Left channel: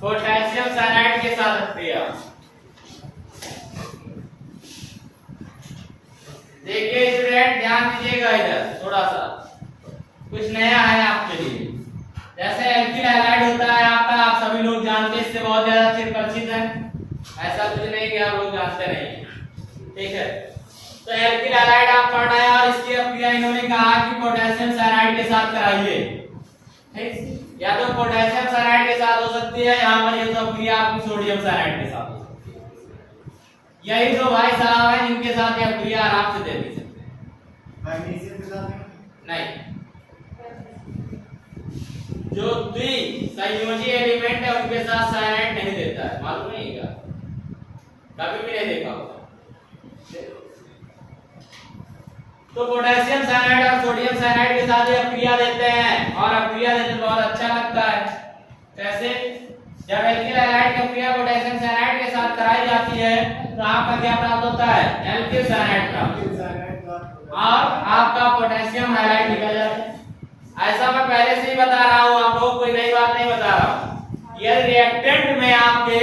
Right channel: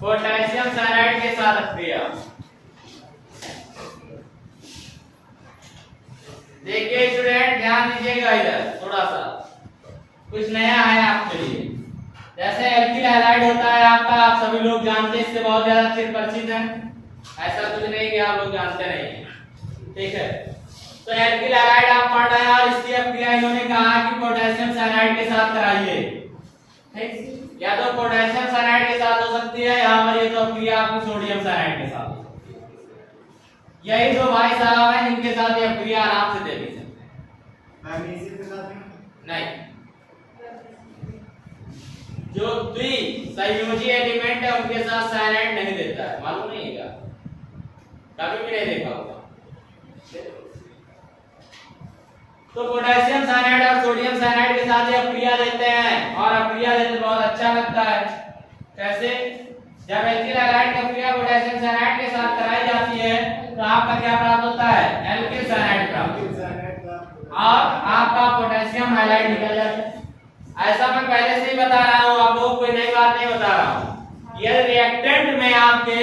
Potassium cyanide के साथ अभिक्रिया। देखिए स्टूडेंट, ध्यान दीजिएगा, इधर थोड़ा सा कुछ नया है आपके लिए। जैसे एल्किल हैलाइड होता है आपका, आप सभी लोग जानते हैं, इससे बहुत ज्यादा चिर परिचित हैं। ऐसा कुछ नहीं कि आप लोग जानते नहीं, ठीक है। तो एल्किल हैलाइड आप पढ़ रहे हैं और इसकी अभिक्रिया इन्होंने कहा कि पोटेशियम साइनाइड के साथ कराइए, ठीक। या तो पोटेशियम साइनाइड के साथ हो सकती है, यहाँ पर ये तो अभिक्रिया आपकी सोडियम साइनाइड के साथ हो सकती है। यही जो भाई साहब हैं जिनके साथ ये अभिक्रिया आराम से दे दी सकते हैं। मैग्नीशियम के साथ नहीं, जो द्विसंयोजी एलिमेंट है उनके साथ साइनाइड नहीं देता है, मालूम नहीं है क्या? कभी भी नहीं देखा होगा। तो पोटेशियम साइनाइड और सोडियम साइनाइड के साथ ये अभिक्रिया देते हैं और अभिक्रिया देते बहुत अच्छा लगता है। कैसे? जब एल्किल हैलाइड की अभिक्रिया पोटेशियम साइनाइड के साथ कराई जाती है तो आपका क्या प्राप्त होता है? एल्किल साइनाइड प्राप्त और आपका पोटेशियम हैलाइड निकल जाता है। ऐसा मैं पहले से ही बता रहा हूँ, आप लोगों को कोई नई बात नहीं बता रहा हूँ। यदि रिएक्टेंट में आपके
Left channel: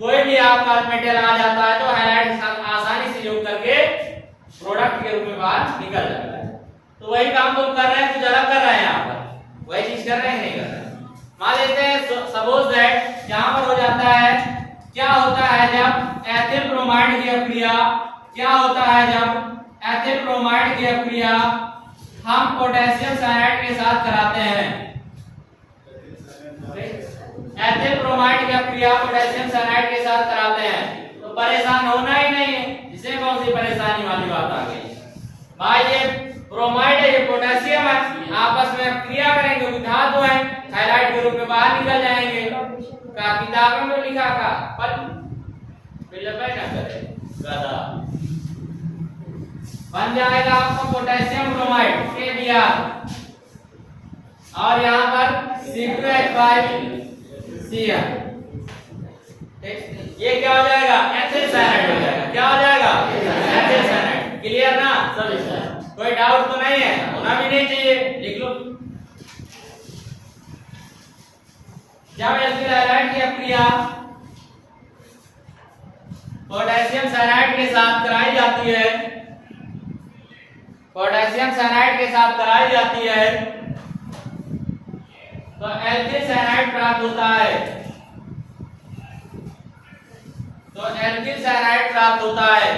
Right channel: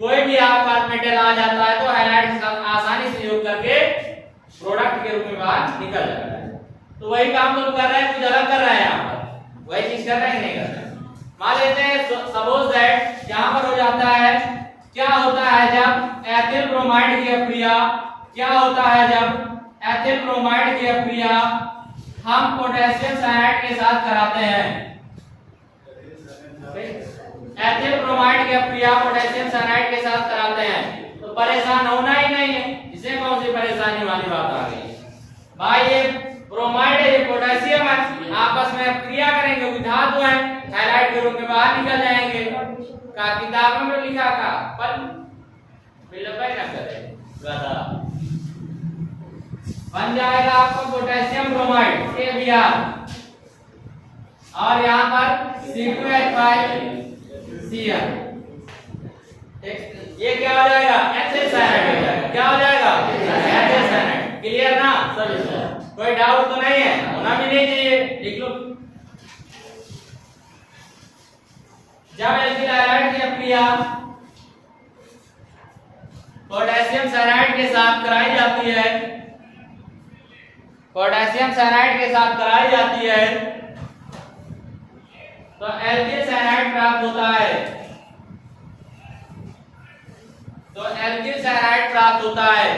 कोई भी आपका मेटल आ जाता है तो हैलाइड के साथ आसानी से योग करके प्रोडक्ट के रूप में बाहर निकल जाता है। तो वही काम लोग कर रहे हैं, कुछ अलग कर रहे हैं यहाँ पर, वही चीज कर रहे हैं नहीं कर रहे हैं। मान लेते हैं सपोज दैट यहाँ पर हो जाता है, क्या होता है जब एथिल ब्रोमाइड की अभिक्रिया, क्या होता है जब एथिल ब्रोमाइड की अभिक्रिया हम पोटेशियम साइनाइड के साथ कराते हैं। एथिल ब्रोमाइड की अभिक्रिया पोटेशियम साइनाइड के साथ कराते हैं तो परेशान होना ही नहीं है। इसमें कौन सी परेशानी वाली बात आ गई? भाई ये ब्रोमाइड है, ये पोटेशियम है, आपस में क्रिया करेंगे, धातु है, हैलाइड के रूप में बाहर निकल जाएंगे। का किताबों में लिखा था पर बिल्कुल ना करे गधा बन जाएगा आपका पोटेशियम ब्रोमाइड KBr और यहाँ पर C2H5Cl। ये क्या हो जाएगा? एथिल साइनाइड हो जाएगा। क्या हो जाएगा? Ethyl cyanide. क्लियर ना सभी? कोई डाउट तो नहीं है, होना भी नहीं चाहिए। लिख लो, जब एल्किल हैलाइड की अभिक्रिया पोटेशियम साइनाइड के साथ कराई जाती है, पोटेशियम साइनाइड के साथ कराई जाती है तो एल्किल साइनाइड प्राप्त होता है। तो एल्किल साइनाइड प्राप्त होता है।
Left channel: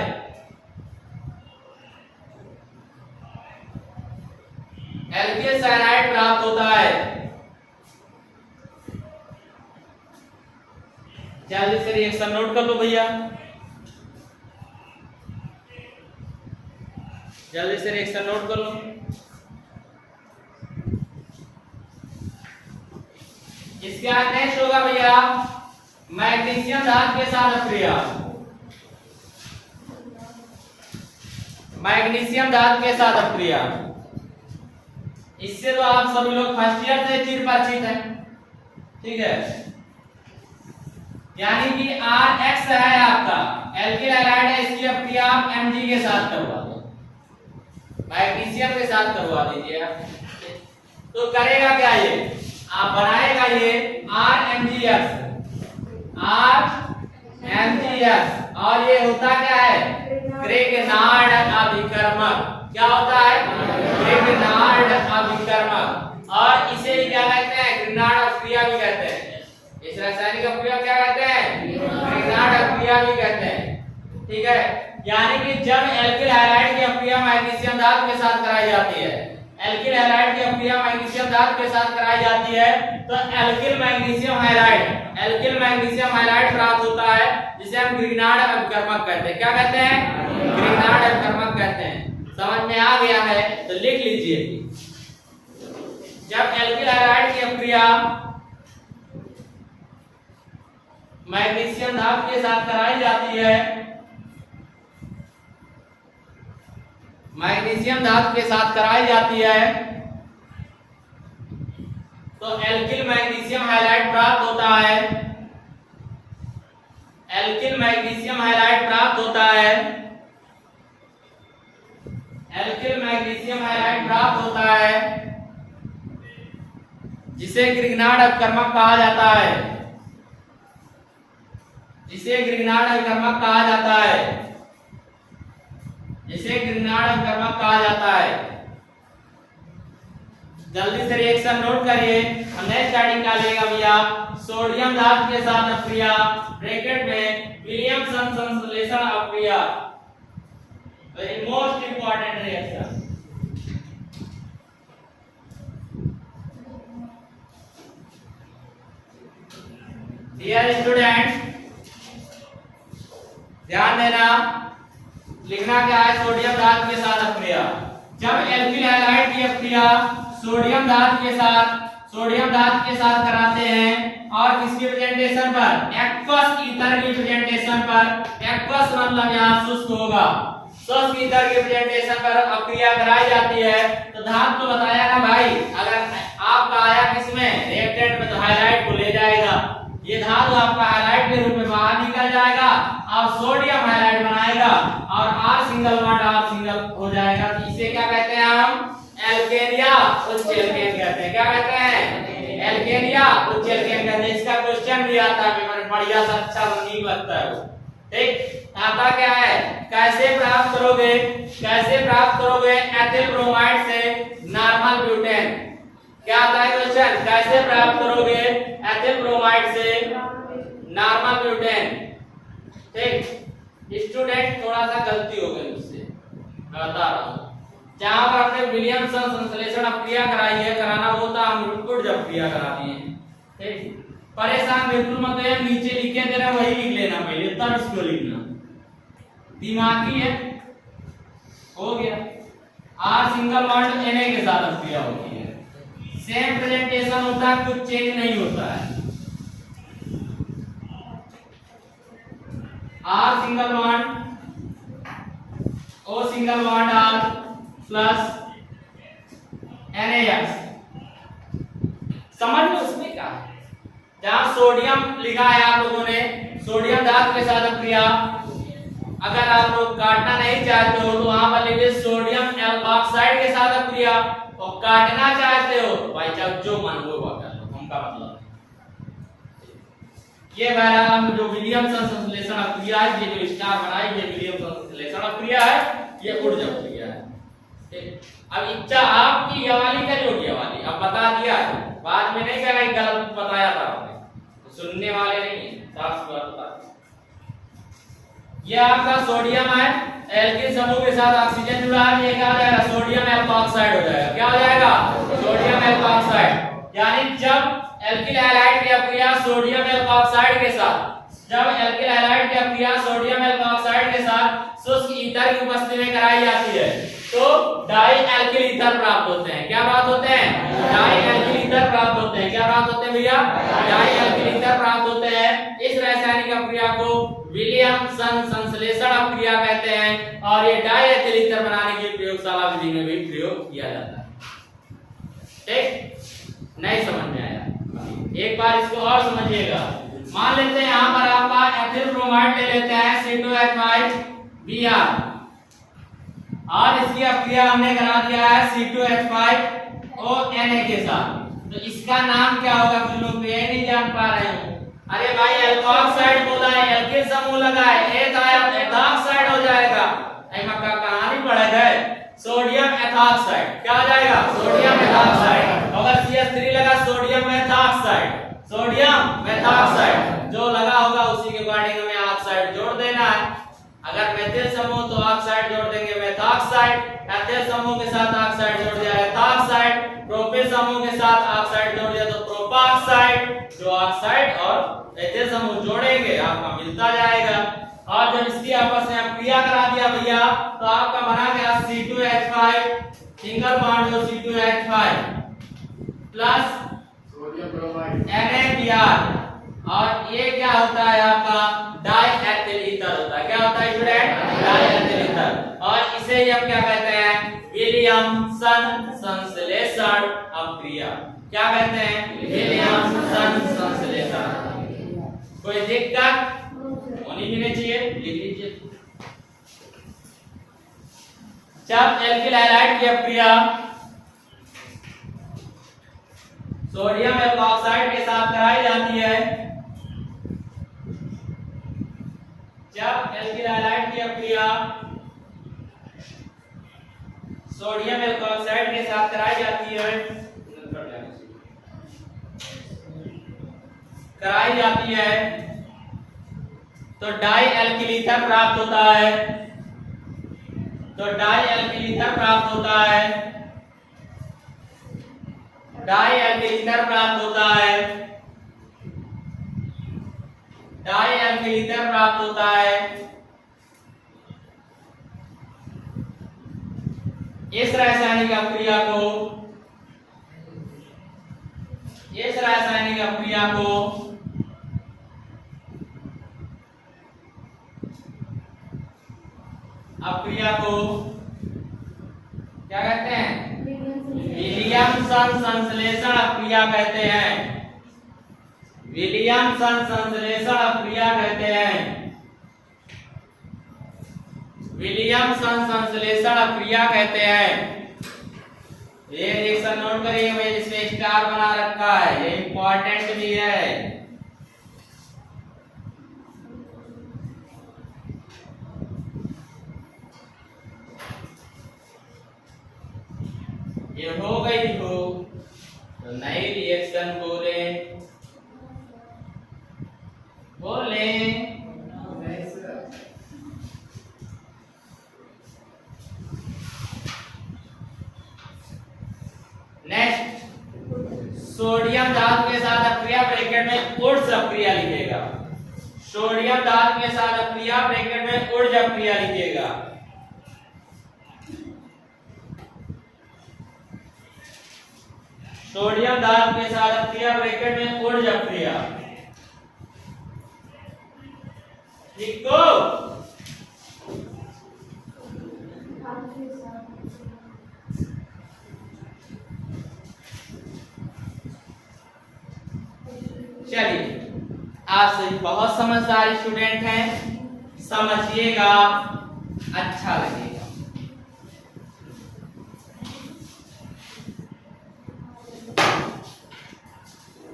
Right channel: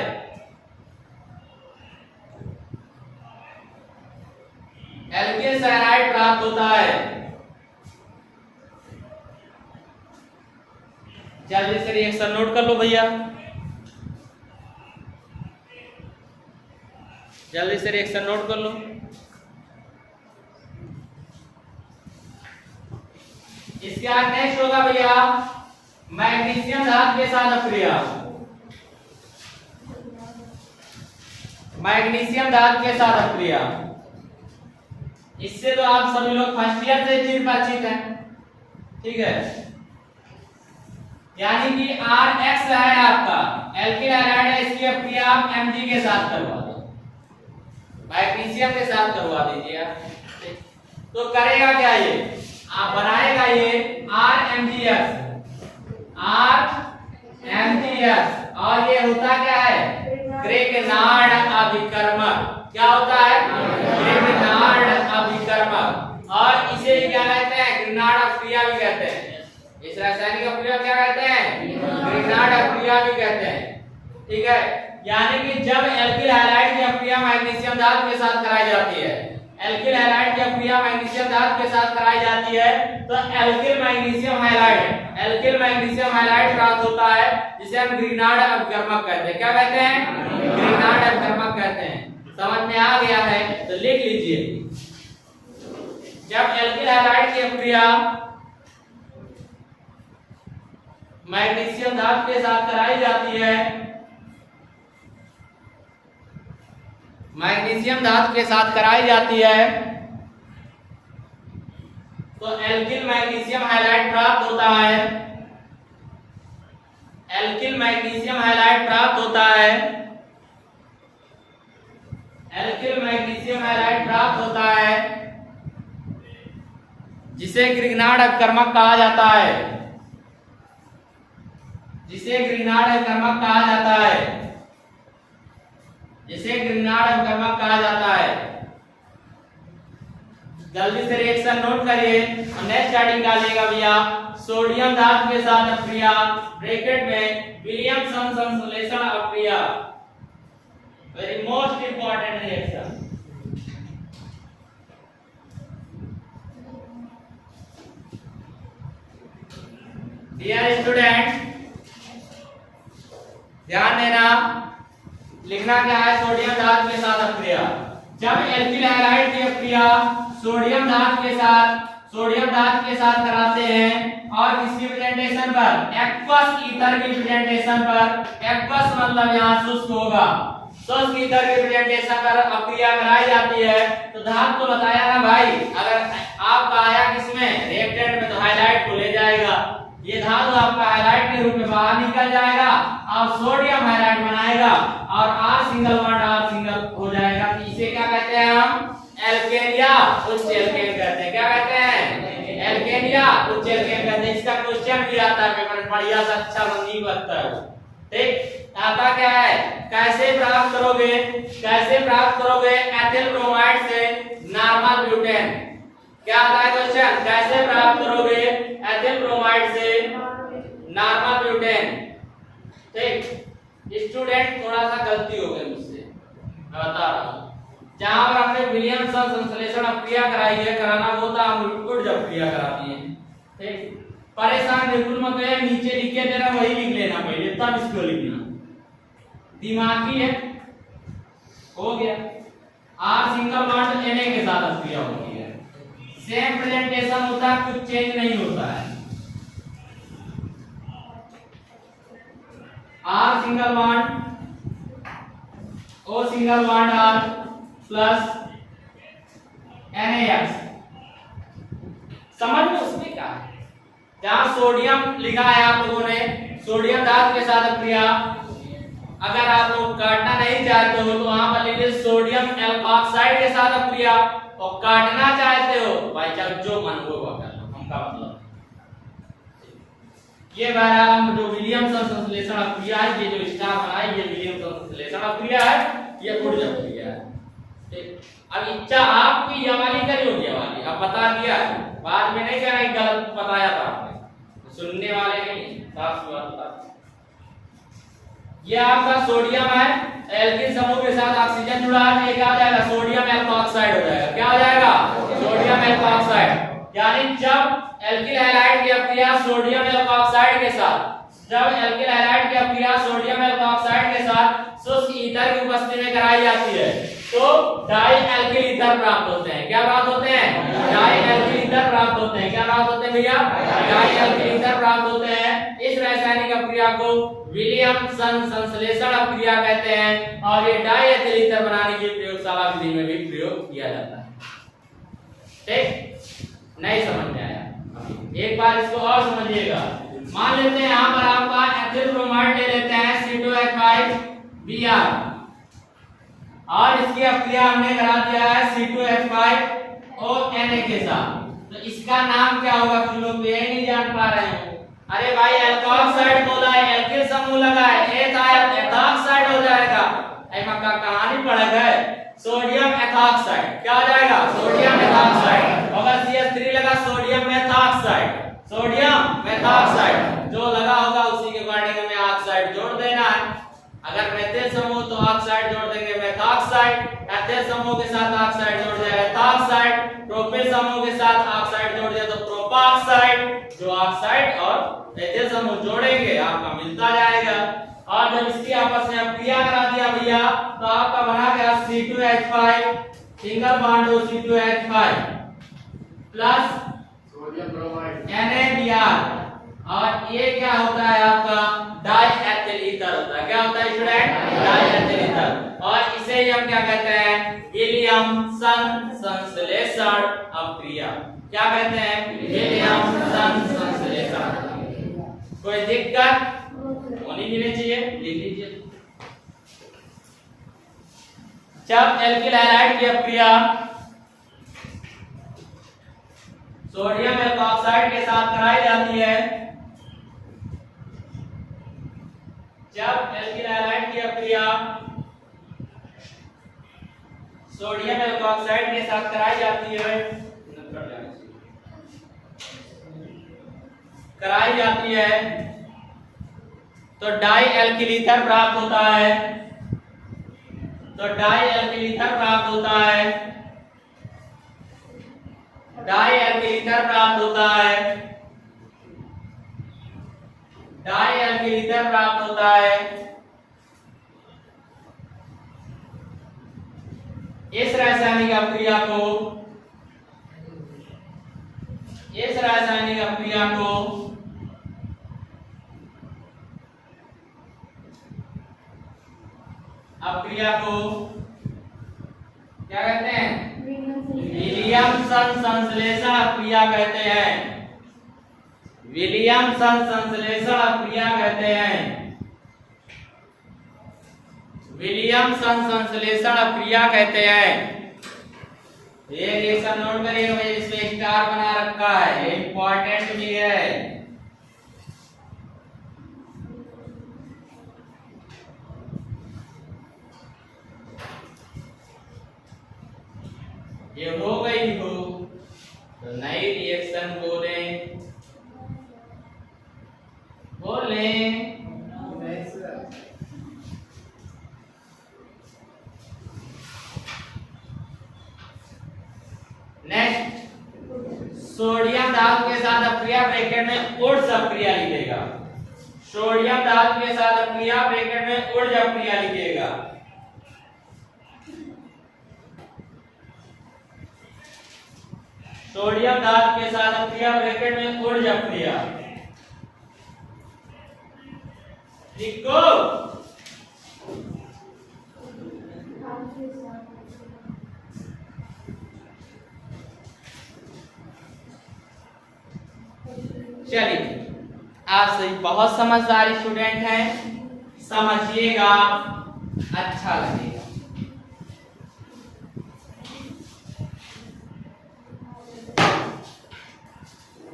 एल्किल साइनाइड प्राप्त होता है। जल्दी से रिएक्शन नोट कर लो भैया, जल्दी से रिएक्शन नोट कर लो। इसके बाद नेक्स्ट होगा भैया मैग्नीशियम धातु के साथ अभिक्रिया। मैग्नीशियम धातु के साथ अभिक्रिया, इससे तो आप सभी लोग फर्स्ट ईयर से चिर परिचित हैं, ठीक है। यानी कि RX है आपका एल्किल हैलाइड है, इसकी अभिक्रिया आप Mg के साथ करवा दो, मैग्नीशियम के साथ करवा दीजिए आप। तो करेगा क्या? ये आप बनाएगा ये RMgS और ये होता क्या है? ग्रेगनार्ड अभिकर्मक। क्या होता है? ग्रेगनार्ड अभिकर्मक। और इसे क्या कहते हैं? ग्रेगनार्ड अभिक्रिया भी कहते हैं। इस रासायनिक अभिक्रिया क्या कहते हैं? ग्रेगनार्ड अभिक्रिया भी कहते हैं, ठीक है। यानी कि जब एल्किल हैलाइड की अभिक्रिया मैग्नीशियम धातु के साथ कराई जाती है, एल्किल हैलाइड की अभिक्रिया मैग्नीशियम धातु के साथ कराई जाती है तो एल्किल मैग्नीशियम हैलाइड प्राप्त होता है, जिसे हम ग्रेगनार्ड अभिकर्मक कहते हैं। क्या कहते हैं? ग्रेगनार्ड अभिकर्मक कहते हैं। समझ में आ गया है तो लिख लीजिए, जब एल्किल हैलाइड की अभिक्रिया मैग्नीशियम धातु के साथ कराई जाती है, मैग्नीशियम धातु के साथ कराई जाती है तो एल्किल मैग्नीशियम हैलाइड प्राप्त होता है। एल्किल मैग्नीशियम हैलाइड प्राप्त होता है। एल्किल मैग्नीशियम हैलाइड प्राप्त होता है जिसे ग्रिग्नार्ड अपकर्मक कहा जाता है, जिसे ग्रिग्नार्ड अपकर्मक कहा जाता है, जिसे ग्रिग्नार्ड अपकर्मक कहा जाता है। जल्दी से रिएक्शन नोट करिए और नेक्स्ट हेडिंग डालेगा भैया सोडियम धातु के साथ अपक्रिया ब्रैकेट में विलियमसन संश्लेषण अपक्रिया। Very most important reaction. Dear student ध्यान देना, लिखना क्या है, सोडियम धातु के साथ अपक्रिया। जब एल्किल हैलाइड की अपक्रिया सोडियम धातु के साथ कराते हैं और किसकी प्रेजेंटेशन पर, एक्वस ईथर की प्रेजेंटेशन पर, एक्वस मतलब यहाँ शुष्क होगा, शुष्क ईथर की प्रेजेंटेशन पर अपक्रिया कराई जाती है तो धातु को बताया ना भाई, अगर आपका आया किसमें रिएक्टेंट में तो हाइलाइट को ले जाएगा, ये धातु आपका हाइलाइट के रूप में बाहर निकल जाएगा और सोडियम हाइलाइट बनाएगा और R single bond R single हो जाएगा। तो इसे क्या कहते हैं हम, एल्केन या उच्च एल्केन कहते हैं। क्या कहते हैं, एल्केन या उच्च एल्केन कहते हैं। इसका क्वेश्चन भी आता है पेपर में, बढ़िया सा अच्छा रंगीन लगता है वो। ठीक, आता क्या है, कैसे प्राप्त करोगे, कैसे प्राप्त करोगे एथिल ब्रोमाइड से नॉर्मल ब्यूटेन। क्या आता है क्वेश्चन, कैसे प्राप्त करोगे एथिल ब्रोमाइड से नॉर्मल ब्यूटेन। ठीक, स्टूडेंट थोड़ा सा गलती हो गई मुझसे, मैं बता रहा हूँ। जहां पर हमने विलियमसन संश्लेषण अपक्रिया कराई है, कराना वो था हम लिक्विड जब क्रिया कराती है। ठीक, परेशान बिल्कुल मत होइए, नीचे लिखे दे रहा वही लिख लेना पहले, तब इसको लिखना। दिमागी है, हो गया। R सिंगल बॉन्ड Na के साथ अपक्रिया होती है, सेम प्रेजेंटेशन होता है, कुछ चेंज नहीं होता है। R single bond O single bond R plus NaX, समझ में उसमें क्या है, जहां सोडियम लिखा है आप लोगों ने, सोडियम धातु के साथ अपक्रिया, अगर आप लोग काटना नहीं चाहते हो तो वहां पर लिखिए सोडियम एल्कोक्साइड के साथ अपक्रिया, और काटना चाहते हो भाई साहब जो मन हो वह कर लो, हमका मतलब ये बहरहाल जो विलियमसन संश्लेषण अपक्रिया है, ये जो स्टार बना है ये विलियमसन संश्लेषण अपक्रिया है, ये ऊर्जा अपक्रिया है। अब इच्छा आपकी ये वाली करियोगी, ये वाली अब बता दिया है, बाद में नहीं कहना गलत बताया था आपने, तो सुनने वाले नहीं, साफ सी बात बता। ये आपका सोडियम है, एल्किल समूह के साथ ऑक्सीजन जुड़ा है, ये क्या हो जाएगा, सोडियम एल्कोक्साइड हो जाएगा। क्या हो जाएगा, सोडियम एल्कोक्साइड। यानी जब एल्किल हैलाइड की अपक्रिया सोडियम एल्कोक्साइड के साथ, जब एल्किल हैलाइड की अपक्रिया सोडियम एल्कोक्साइड के साथ शुष्क ईथर की उपस्थिति में कराई जाती है तो डाई एल्किल ईथर प्राप्त होते हैं। क्या प्राप्त होते हैं, डाई एल्किल ईथर प्राप्त होते हैं। क्या प्राप्त होते हैं भैया, डाई एल्किल ईथर प्राप्त होते हैं। इस रासायनिक अपक्रिया को विलियमसन संश्लेषण अपक्रिया कहते हैं और ये डाई एथिल ईथर बनाने की प्रयोगशाला विधि में भी प्रयोग किया जाता है। ठीक, नहीं समझ में आया, एक बार इसको और समझिएगा। मान लेते हैं यहाँ पर आपका एथिल ब्रोमाइड ले लेते हैं C2H5Br और इसकी अपक्रिया हमने करा दिया है C2H5ONa के साथ, तो इसका नाम क्या होगा, कुछ लोग ये नहीं जान पा रहे हैं। अरे भाई एल्कोक्साइड बोला है, एल्किल समूह लगा है, एथॉक्साइड हो जाएगा। का कहानी पढ़ गए, सोडियम एथॉक्साइड क्या हो जाएगा, सोडियम एथॉक्साइड। अगर CH3 लगा सोडियम मेथॉक्साइड, सोडियम मेथॉक्साइड जो लगा होगा उसी के अकॉर्डिंग में ऑक्साइड जोड़ देना है। अगर मेथिल समूह तो ऑक्साइड जोड़ देंगे मेथॉक्साइड, एथिल समूह के साथ ऑक्साइड जोड़ दिया एथॉक्साइड, प्रोपिल समूह के साथ ऑक्साइड जोड़ दिया तो प्रोपॉक्साइड। जो ऑक्साइड और एथिल समूह जोड़ेंगे आपका मिलता जाएगा। और जब इसकी आपस में अपक्रिया करा दिया भैया तो आपका बना गया C2H5 सिंगल बॉन्ड हो C2H5 plus sodium bromide NaBr और ये क्या होता है आपका डाई एथिल ईथर होता है। क्या होता है स्टूडेंट, डाई एथिल ईथर। और इसे ही हम क्या कहते हैं, विलियमसन संश्लेषण अपक्रिया। क्या कहते हैं, विलियमसन संश्लेषण। कोई दिक्कत होनी भी नहीं चाहिए, लिख लीजिए। जब एल्किल हैलाइड की अपक्रिया सोडियम एल्कोक्साइड के साथ कराई जाती है। जब एल्किल हैलाइड की अपक्रिया सोडियम एल्कोक्साइड के साथ कराई जाती है तो डाई एल्किल ईथर प्राप्त होता है। डाई एल्किल ईथर प्राप्त होता है। इस रासायनिक अपक्रिया को क्या कहते हैं? विलियमसन संश्लेषण अपक्रिया कहते हैं। विलियमसन संश्लेषण अपक्रिया कहते हैं। ये रिएक्शन नोट करिए, मुझे इसमें स्टार बना रखा है, ये इंपॉर्टेंट भी है। ये हो गई हो तो नई रिएक्शन बोले नेक्स्ट सोडियम धातु के साथ अपक्रिया ब्रैकेट में ऊर्ज अपक्रिया लिखेगा। सोडियम धातु के साथ अपक्रिया ब्रैकेट में ऊर्ज अपक्रिया लिखेगा। सोडियम धातु के साथ अपक्रिया ब्रैकेट में ऊर्ज अपक्रिया लिखो। चलिए, आप सभी बहुत समझदार स्टूडेंट हैं, समझिएगा, अच्छा लगेगा।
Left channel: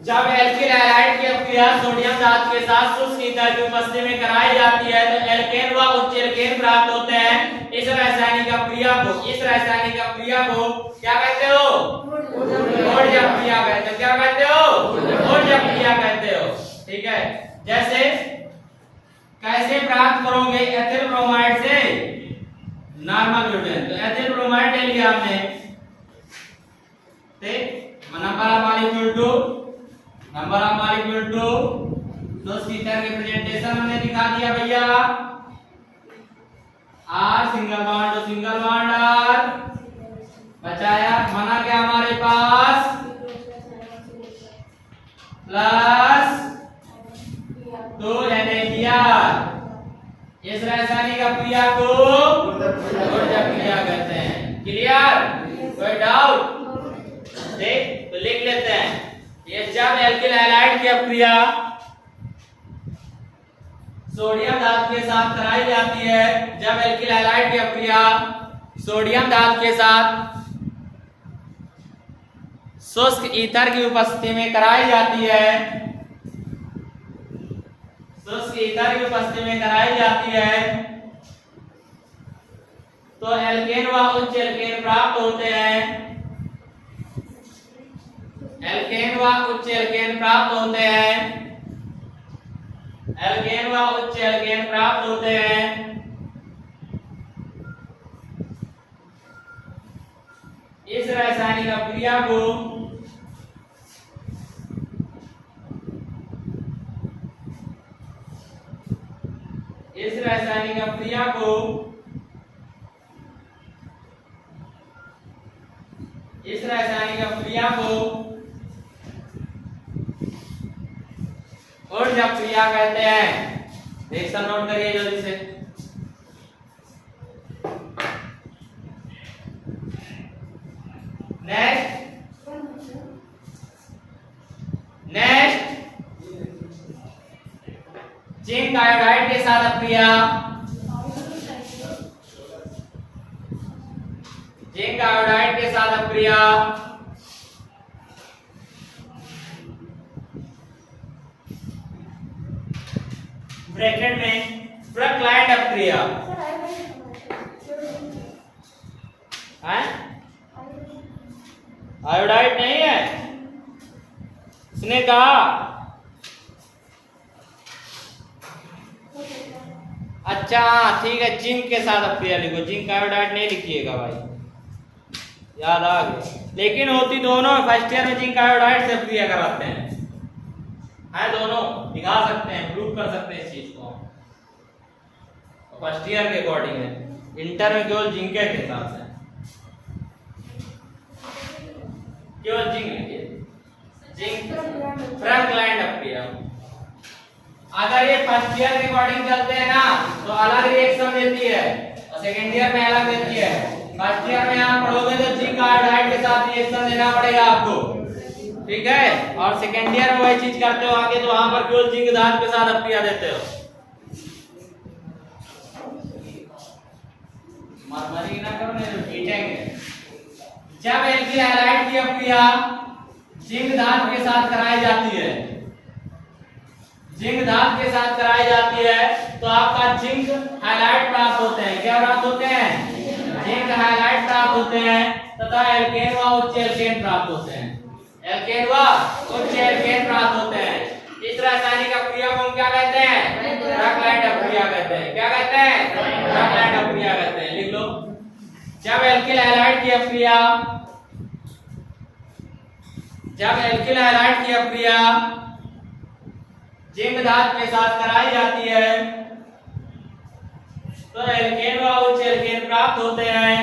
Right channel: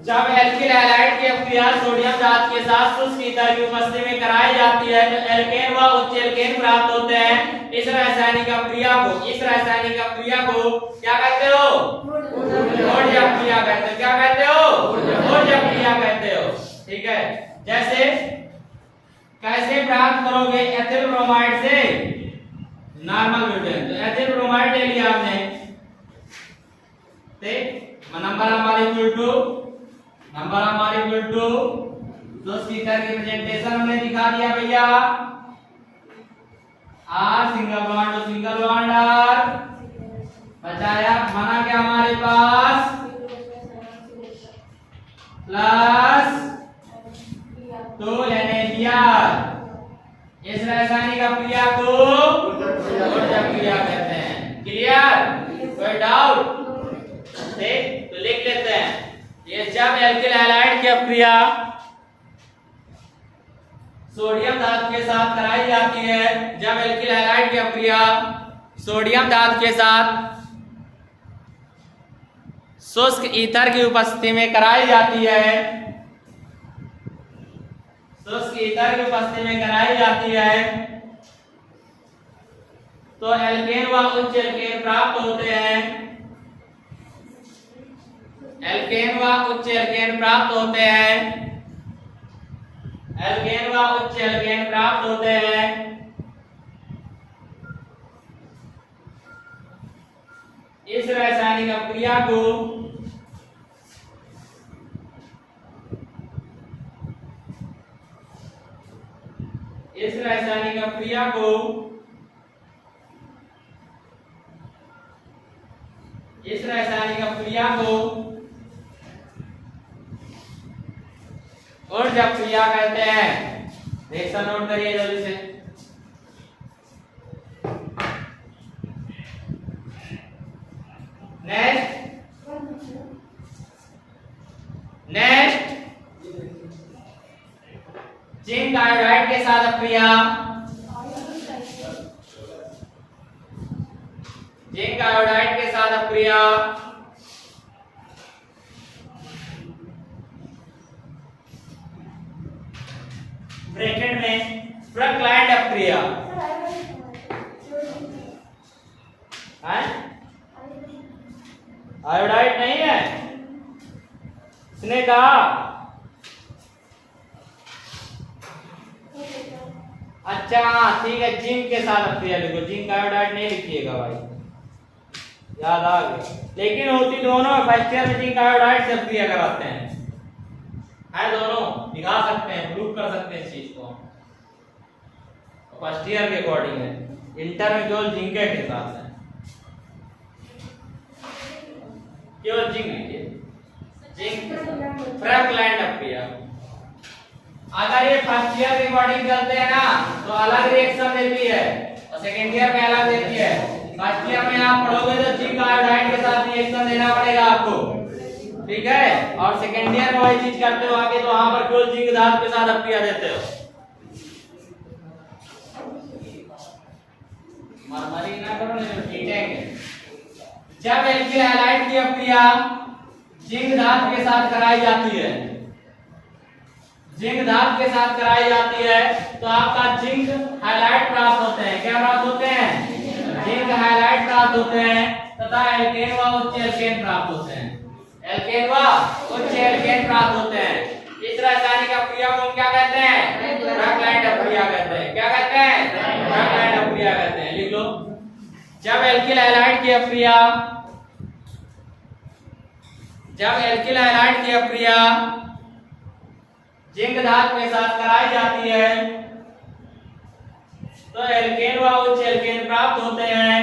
जब एल्किल हैलाइड की अपक्रिया सोडियम धातु के साथ शुष्क ईथर की उपस्थिति में कराई जाती है तो एल्केन व उच्च एल्केन प्राप्त होते हैं। इस रासायनिक अपक्रिया को क्या कहते हो? ऊर्ज अपक्रिया कहते हो। क्या कहते हो? ऊर्ज अपक्रिया कहते हो। ठीक है, जैसे कैसे प्राप्त करोगे? एथिल ब्रोमाइड से नॉर्मल ब्यूटेन। तो एथिल ब्रोमाइड ले लिया हमने, ठीक, नंबर हमारी बिल्टू शुष्क ईथर के प्रेजेंटेशन हमने दिखा दिया भैया। आर सिंगल बॉन्ड आर बचाया, बना क्या हमारे पास प्लस 2 NaCl। इस रासायनिक अपक्रिया को ऊर्ज अपक्रिया कहते हैं। क्लियर? कोई डाउट? ठीक, तो लिख लेते हैं। ये जब एल्किल हैलाइड की अपक्रिया सोडियम धातु के साथ कराई जाती है, जब एल्किल हैलाइड की अपक्रिया सोडियम धातु के साथ शुष्क ईथर की उपस्थिति में कराई जाती है, तो एल्केन व उच्च एल्केन प्राप्त होते हैं। एल्केन व उच्च एल्केन प्राप्त होते हैं। इस रासायनिक अपक्रिया को इस रासायनिक अपक्रिया को ऊर्ज अपक्रिया कहते हैं। रिएक्शन नोट करिए जल्दी से। नेक्स्ट जिंक आयोडाइड के साथ अपक्रिया ब्रैकेट में प्रक्लाइंड अपक्रिया है, आयोडाइड नहीं है इसने कहा। अच्छा ठीक है, जिंक के साथ अपक्रिया लिखो, जिंक आयोडाइड नहीं लिखिएगा भाई, याद आ गया। लेकिन होती दोनों, फर्स्ट ईयर में जिंक आयोडाइड से अपक्रिया कराते हैं, है दोनों, दिखा सकते हैं, प्रूव कर सकते हैं इस चीज को फर्स्ट ईयर के अकॉर्डिंग है। इंटर में केवल जिंक के साथ है, केवल जिंक लिखिए, जिंक प्रक्लाइंड अपक्रिया। अगर ये फर्स्ट ईयर के अकॉर्डिंग चलते हैं ना तो अलग रिएक्शन देती है और सेकेंड ईयर में अलग देती है। फर्स्ट ईयर में आप पढ़ोगे तो जिंक आयोडाइड के साथ रिएक्शन देना पड़ेगा आपको, ठीक है, और सेकेंड ईयर में वही चीज करते हो आगे, तो वहां पर केवल जिंक धातु के साथ अपक्रिया देते हो। मारमारी ना करो नहीं तो पीटेंगे। जब एल्किल हैलाइड की अपक्रिया जिंक धातु के साथ कराई जाती है, जिंक धातु के साथ कराई जाती है तो आपका जिंक हाइलाइट प्राप्त होते हैं। क्या प्राप्त होते हैं? जिंक हाइलाइट प्राप्त होते हैं तथा एल्केन व उच्च एल्केन प्राप्त होते हैं। एल्केन व उच्च एल्केन प्राप्त होते हैं। इस रासायनिक अपक्रिया को हम क्या कहते हैं? प्रक्लाइंड अपक्रिया कहते हैं। क्या कहते हैं? प्रक्लाइंड अपक्रिया कहते हैं। लिख लो, जब एल्किल हैलाइड की अपक्रिया, जब एल्किल हैलाइड की अपक्रिया जिंक धातु के साथ कराई जाती है तो एल्केन व उच्च एल्केन प्राप्त होते हैं,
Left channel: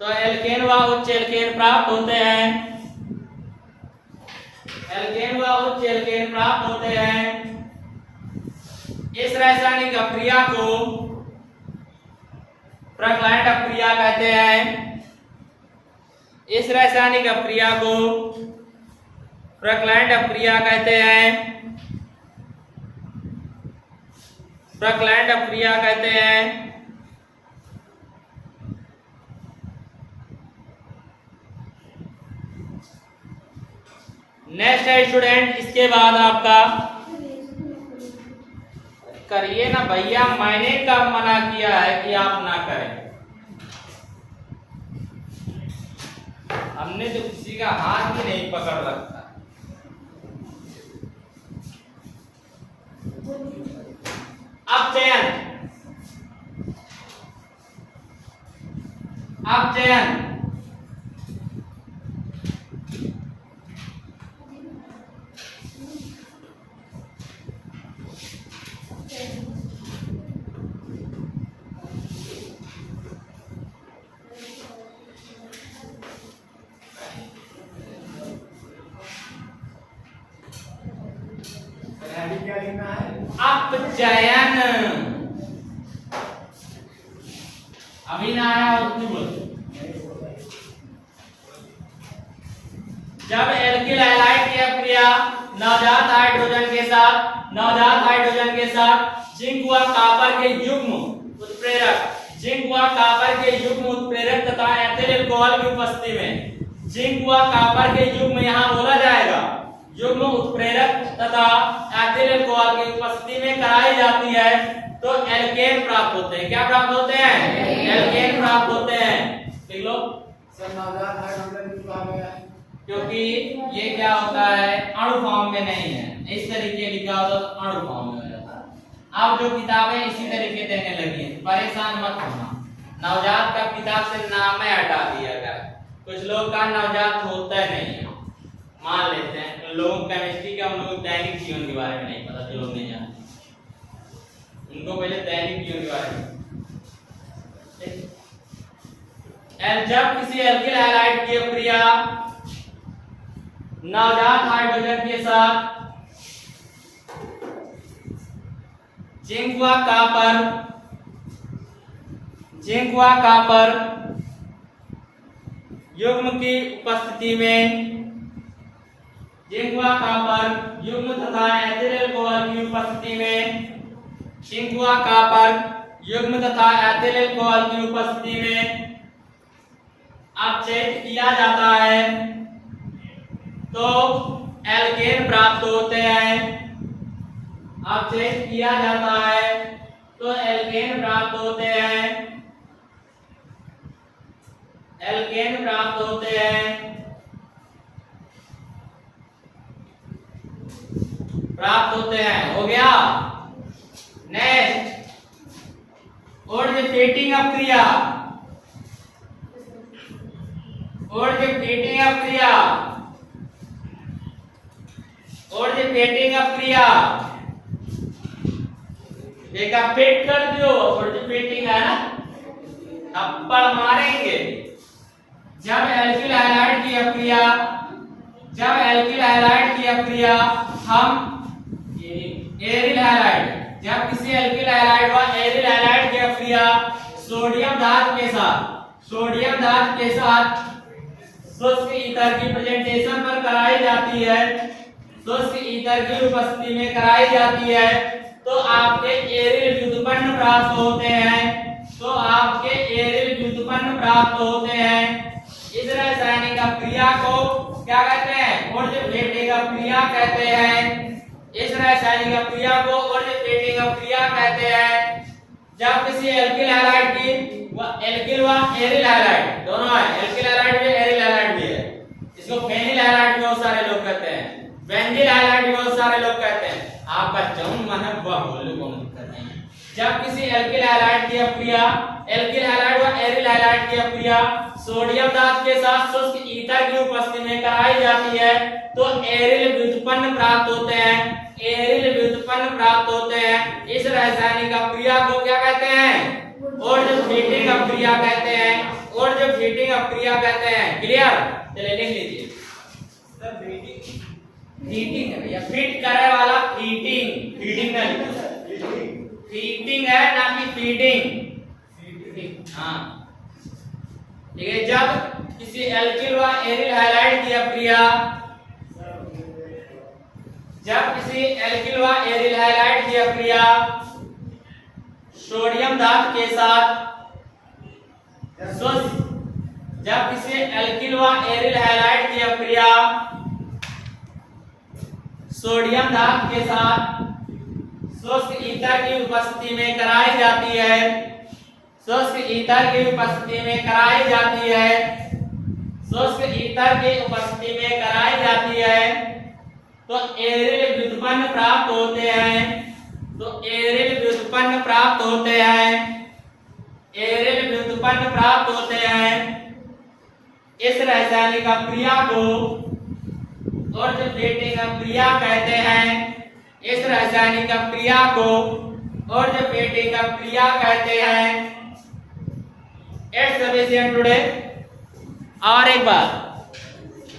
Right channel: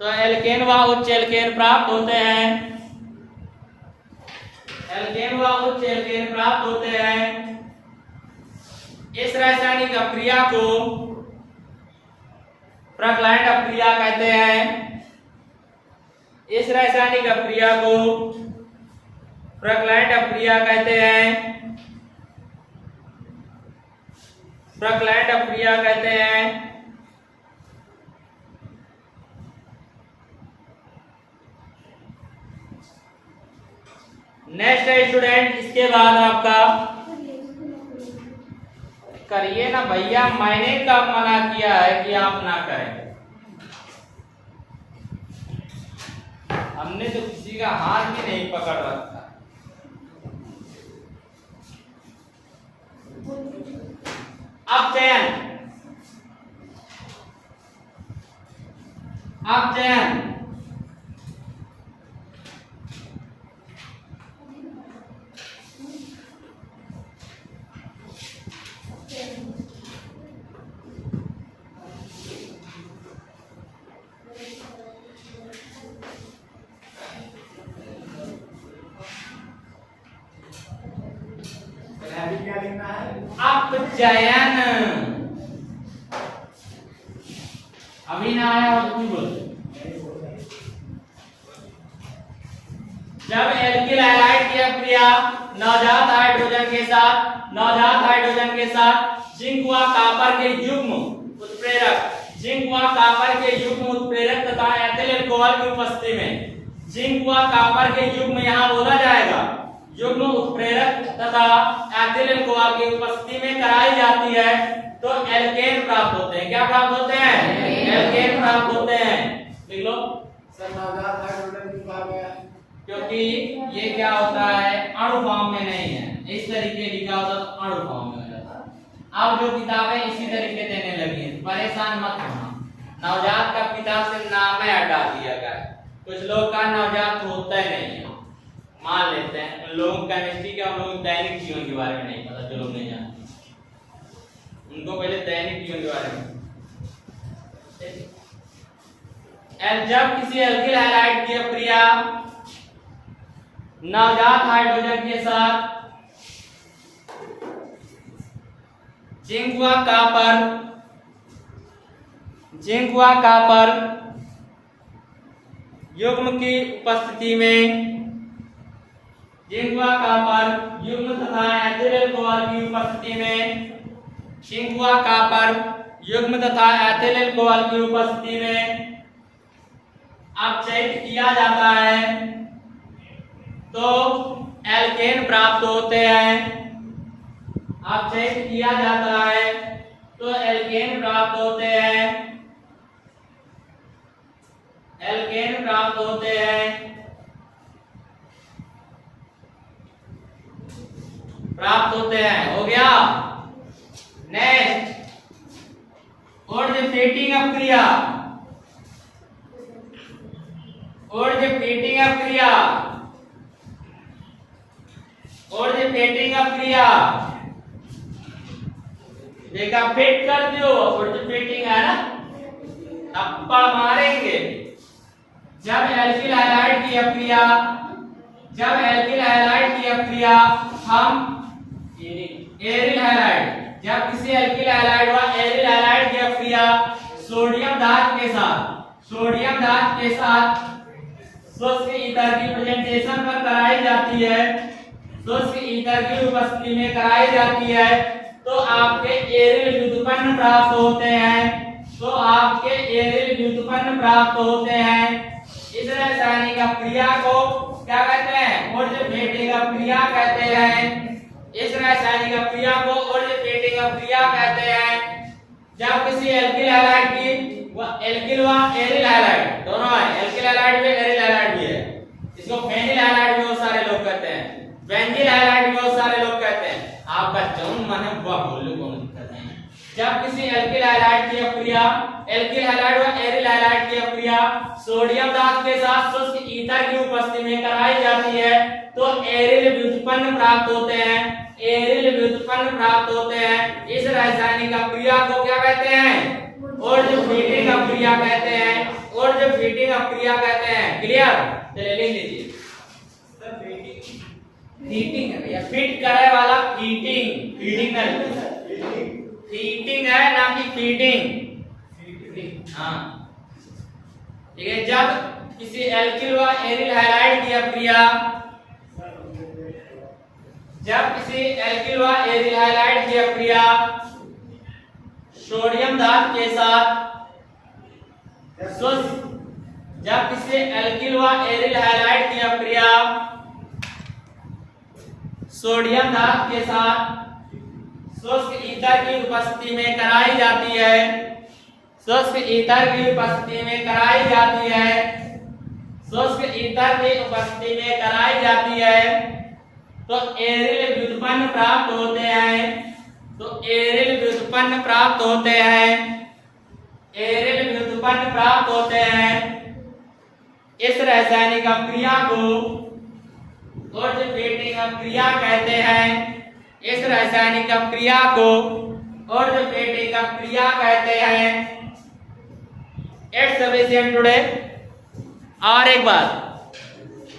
तो एल्केन व उच्च एल्केन प्राप्त होते हैं, एल्केन व उच्च एल्केन प्राप्त होते हैं। इस रासायनिक अपक्रिया को प्रक्लाइंड अपक्रिया कहते हैं। इस रासायनिक अपक्रिया को प्रक्लाइंड अपक्रिया कहते हैं। प्रक्लाइंड अपक्रिया कहते हैं। नेक्स्ट है स्टूडेंट, इसके बाद आपका करिए ना भैया, मैंने कब मना किया है कि आप ना करें? हमने तो किसी का हाथ भी नहीं पकड़ रखा। अब चयन, अब चयन, अपचयन, अभी ना आया और तुम बोलो। जब एल्किल हैलाइड की अपक्रिया नवजात हाइड्रोजन के साथ, नवजात हाइड्रोजन के साथ जिंक व कॉपर के युग्म उत्प्रेरक, जिंक व कॉपर के युग्म उत्प्रेरक तथा एथिल अल्कोहल की उपस्थिति में, जिंक व कॉपर के युग्म यहाँ बोला जाएगा, युग्म उत्प्रेरक तथा एथिल अल्कोहल की उपस्थिति में कराई जाती है तो एल्केन प्राप्त होते हैं। क्या प्राप्त होते हैं? एल्केन प्राप्त होते हैं। देख लो क्योंकि ये क्या होता है, अणु फॉर्म में नहीं है, इस तरीके लिखा होता तो अणु फॉर्म में हो जाता। अब जो किताबें इसी तरीके देने लगी हैं, परेशान मत होना। नवजात का किताब से नाम में हटा दिया गया, कुछ लोग का नवजात होता ही नहीं है, मान लेते हैं। लोगों को केमिस्ट्री के, हम लोग दैनिक जीवन के बारे में नहीं पता, जो लोग नहीं जानते उनको पहले दैनिक जीवन के बारे में। जब किसी एल्किल हैलाइड की अपक्रिया नवजात हाइड्रोजन के साथ जिंक व कॉपर, जिंक व कॉपर युग्म की उपस्थिति में, जिंक व कॉपर युग्म तथा एथिल अल्कोहल की उपस्थिति में, जिंक व कॉपर युग्म तथा एथिल अल्कोहल की उपस्थिति में अपचयित किया जाता है तो एल्केन प्राप्त होते हैं। अपचयित किया जाता है तो एल्केन प्राप्त होते हैं, एल्केन प्राप्त होते हैं, प्राप्त होते हैं। हो गया। नेक्स्ट ऊर्ध्वफेटिंग अपक्रिया, ऊर्ध्वफेटिंग अपक्रिया, ऊर्ध्वफेटिंग अपक्रिया। देखा फिट कर दो, ऊर्ध्वफेटिंग है ना, थप्पड़ मारेंगे। जब एल्किल हैलाइड की अपक्रिया, जब एल्किल हैलाइड की अपक्रिया हम एरिल हैलाइड, जब किसी एल्किल हैलाइड व एरिल हैलाइड की अपक्रिया सोडियम धातु के साथ, सोडियम धातु के साथ शुष्क ईथर की प्रेजेंटेशन पर कराई जाती है, शुष्क ईथर की उपस्थिति में कराई जाती है, तो आपके एरिल व्युत्पन्न प्राप्त होते हैं, तो आपके एरिल व्युत्पन्न प्राप्त होते हैं। इस रासायनिक अपक्रिया को क्या कहते हैं? ऊर्ध्वफेटिंग अपक्रिया कहते हैं। इस रासायनिक अपक्रिया को ऊर्ध्वफेटिंग अपक्रिया कहते हैं। जब किसी एल्किल हैलाइड की एल्किल व एरिल हैलाइड दोनों है, एल्किल हैलाइड भी एरिल हैलाइड भी है, इसको फेनिल हैलाइड भी बहुत सारे लोग कहते हैं, बेंजील हैलाइड भी बहुत सारे लोग कहते हैं। आप बच्चों मन बोलू कहते हैं। जब किसी एल्किल हैलाइड की अपक्रिया, एल्किल हैलाइड व एरिल हैलाइड की अपक्रिया सोडियम धातु के साथ शुष्क ईथर की उपस्थिति में कराई जाती है, तो एरिल व्युत्पन्न प्राप्त होते हैं, एरिल व्युत्पन्न प्राप्त होते हैं। इस रासायनिक अपक्रिया को क्या कहते हैं? ऊर्ध्वफेटिंग अपक्रिया कहते हैं, ऊर्ध्वफेटिंग अपक्रिया कहते हैं। क्लियर? चलिए लिख लीजिए। सर फीटिंग है या फिट करे वाला फीटिंग, फीडिंग नहीं, फीटिंग है ना कि फीडिंग। हाँ ठीक है। जब किसी एल्किल व एरिल हैलाइड की अपक्रिया, जब किसी एल्किल व एरिल हैलाइड की अपक्रिया सोडियम धातु के साथ शुष्क, जब किसी एल्किल व एरिल हैलाइड की अपक्रिया सोडियम धातु के साथ शुष्क ईथर की उपस्थिति में कराई जाती है, शुष्क ईथर की उपस्थिति में कराई जाती है, शुष्क ईथर की उपस्थिति में कराई जाती है, तो एरिल व्युत्पन्न प्राप्त होते हैं, तो एरिल व्युत्पन्न प्राप्त होते हैं, एरिल व्युत्पन्न प्राप्त होते हैं। इस रासायनिक अपक्रिया को ऊर्ध्वफेटिंग अपक्रिया कहते हैं। इस रासायनिक अपक्रिया को ऊर्ध्वफेटिंग अपक्रिया कहते हैं। It's sufficient today. और एक बात,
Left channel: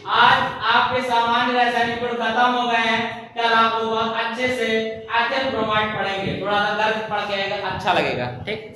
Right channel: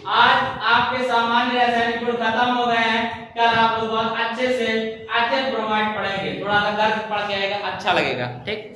आज आपके सामान्य रासायनिक गुण खत्म हो गए हैं। कल आप लोग अच्छे से एथेन ब्रोमाइड पढ़ेंगे, थोड़ा सा गर्म पढ़ के आएगा, अच्छा लगेगा। ठीक।